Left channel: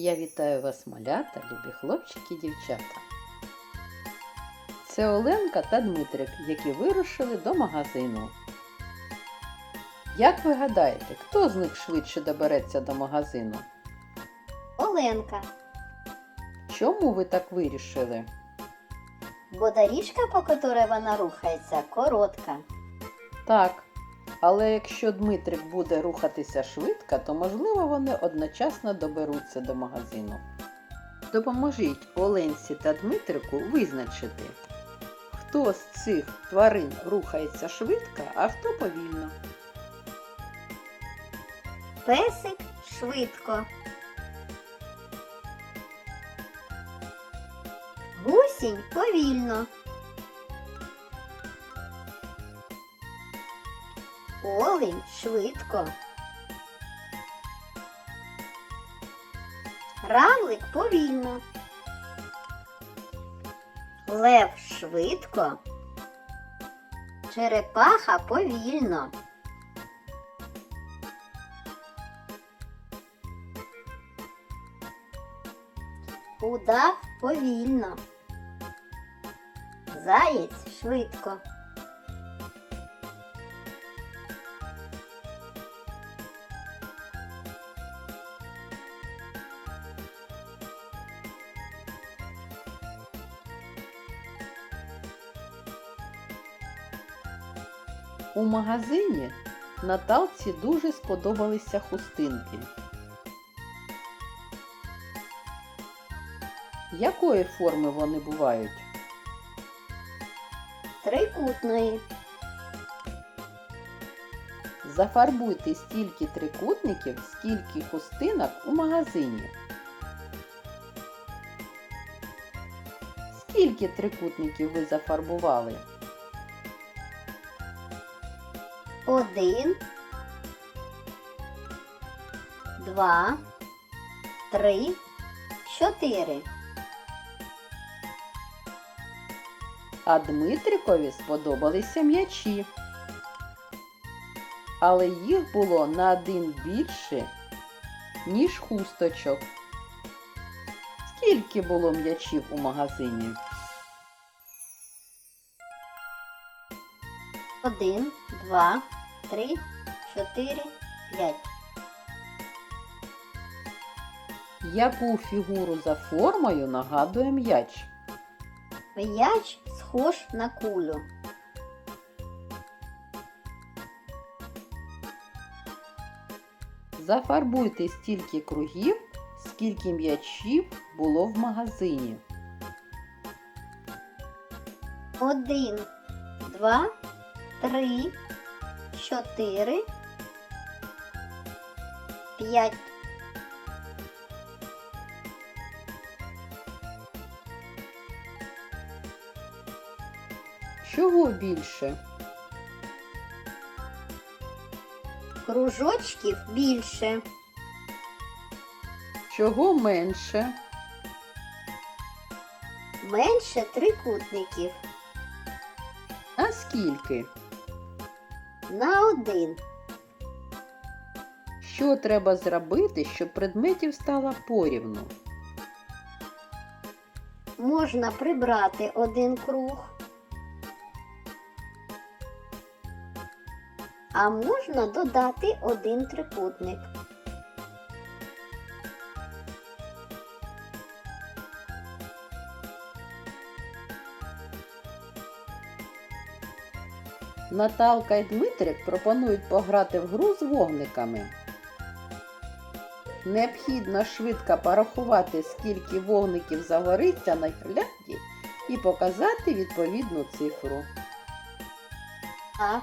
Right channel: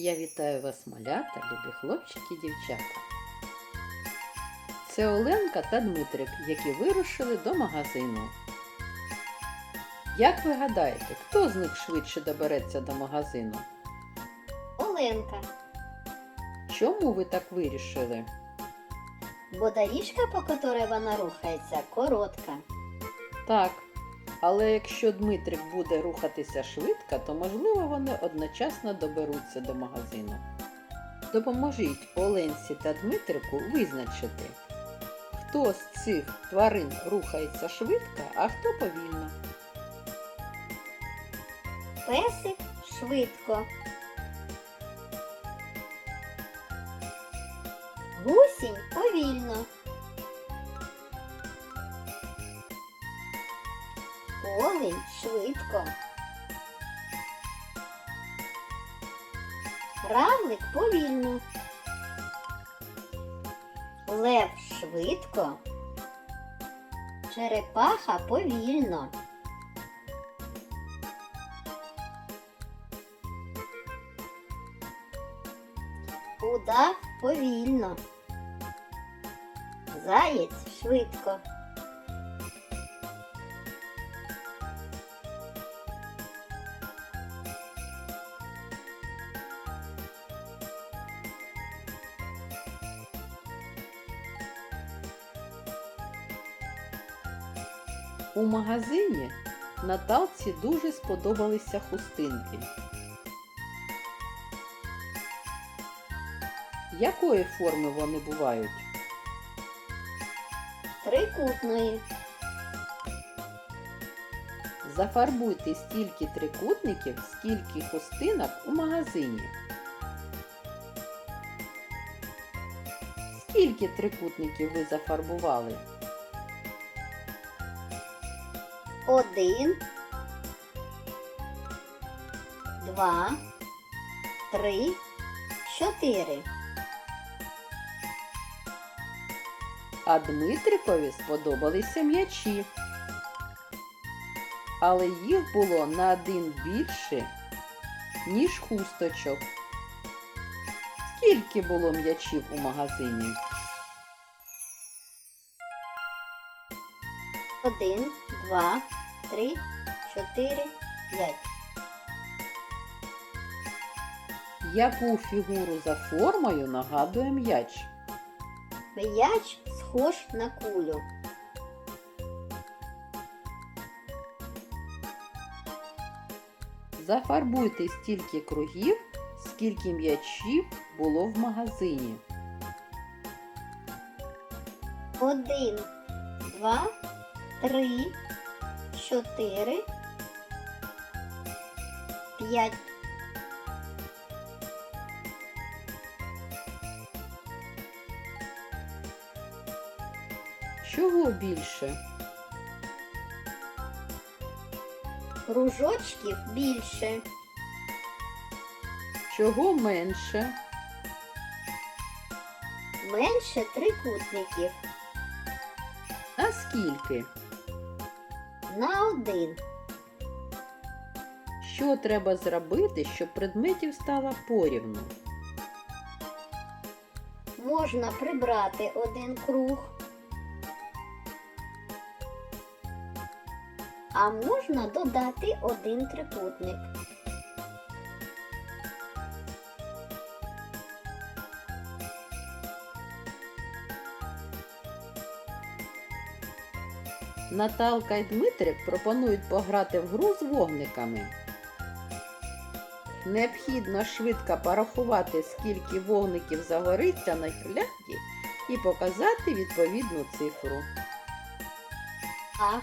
Я вітаю вас, малята, любі хлопчики і дівчата. Це Оленка та Дмитрик, які вирушили до магазину. Як ви гадаєте, хто з них швидше добереться до магазину? Оленка, Чому ви так вирішили? бо доріжка, по которой вона рухається, коротка. Так. Але якщо Дмитрик буде рухатися швидко, то можливо вони одночасно доберуться до магазину. Допоможіть Оленці та Дмитрику визначити, хто з цих тварин рухається швидко, а хто повільно. Песик швидко. Гусінь повільно. Олень швидко. Равлик повільно. Лев швидко. Черепаха повільно. Удав повільно. Заєць швидко. У магазині Наталці дуже сподобалися хустинки. Якої форми вони бувають? Трикутної. Зафарбуйте стільки трикутників, скільки хустинок у магазині. Скільки трикутників ви зафарбували? Один. Два. Три. Чотири. А Дмитрикові сподобалися м'ячі. Але їх було на один більше, ніж хусточок. Скільки було м'ячів у магазині? Один, два, три, чотири, п'ять. Яку фігуру за формою нагадує м'яч? М'яч схож на кулю. Зафарбуйте стільки кругів, скільки м'ячів було в магазині. Один, два, три, чотири, п'ять. Чого більше? Кружочків більше. Чого менше? Менше трикутників. А скільки? На один. Що треба зробити, щоб предметів стало порівну? Можна прибрати один круг. А можна додати один трикутник. Наталка і Дмитрик пропонують пограти в гру з вогниками. Необхідно швидко порахувати, скільки вогників загориться на гірлянді і показати відповідну цифру. А.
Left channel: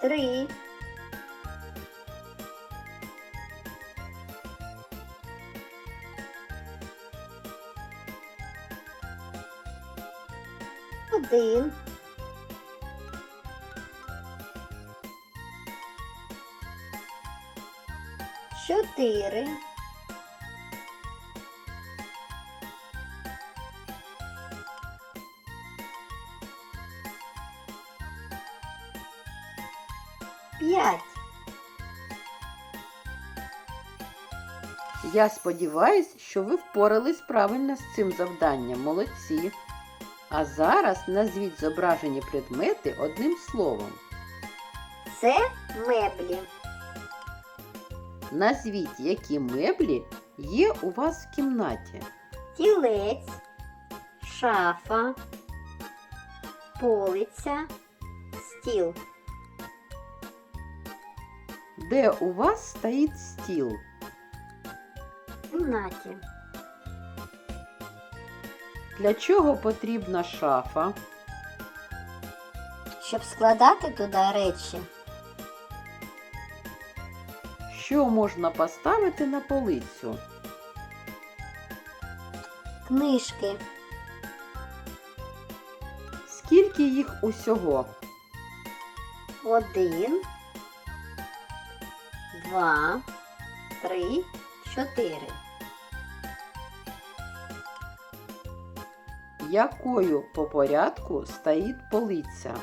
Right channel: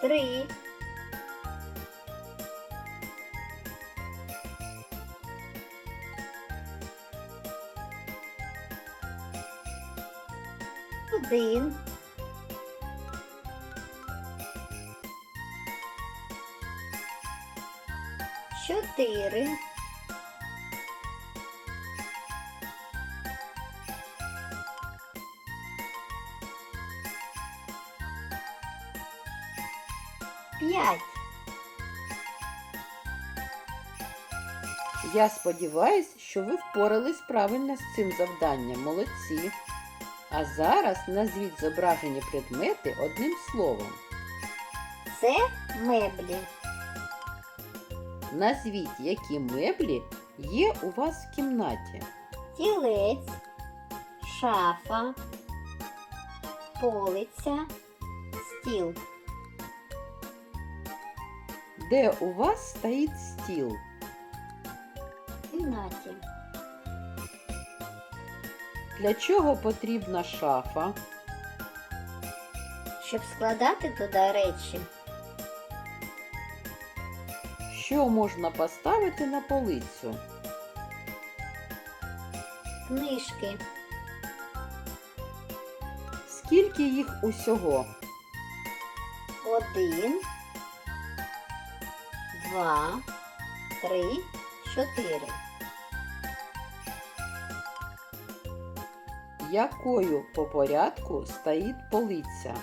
Три. один. Чотири. П'ять. Я сподіваюся, що ви впорались правильно з цим завданням. Молодці. А зараз назвіть зображені предмети одним словом. Це меблі. Назвіть, які меблі є у вас в кімнаті. Тілець, шафа, полиця, стіл. Де у вас стоїть стіл? В кімнаті. Для чого потрібна шафа? Щоб складати туди речі. Що можна поставити на полицю? Книжки. Скільки їх усього? Один, два, три, чотири. Якою по порядку стоїть полиця?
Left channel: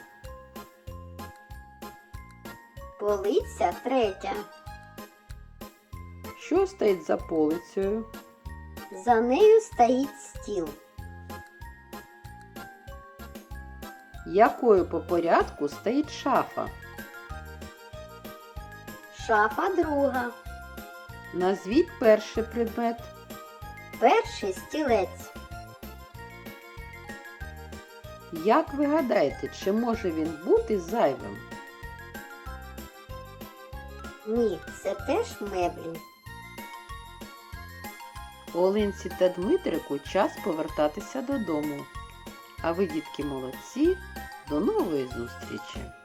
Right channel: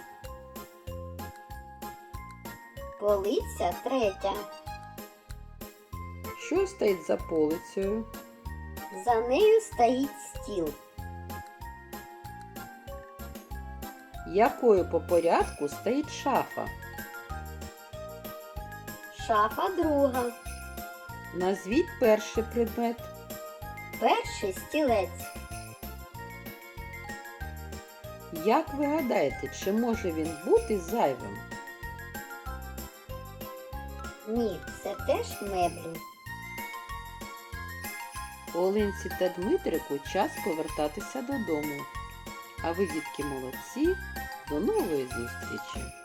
Полиця третя. Що стоїть за полицею? За нею стоїть стіл. Якою по порядку стоїть шафа? Шафа друга. Назвіть перший предмет. Перший стілець. Як ви гадаєте, чи може він бути зайвим? Ні, це теж меблі. Оленці та Дмитрику час повертатися додому. А ви, дітки, молодці. До нової зустрічі!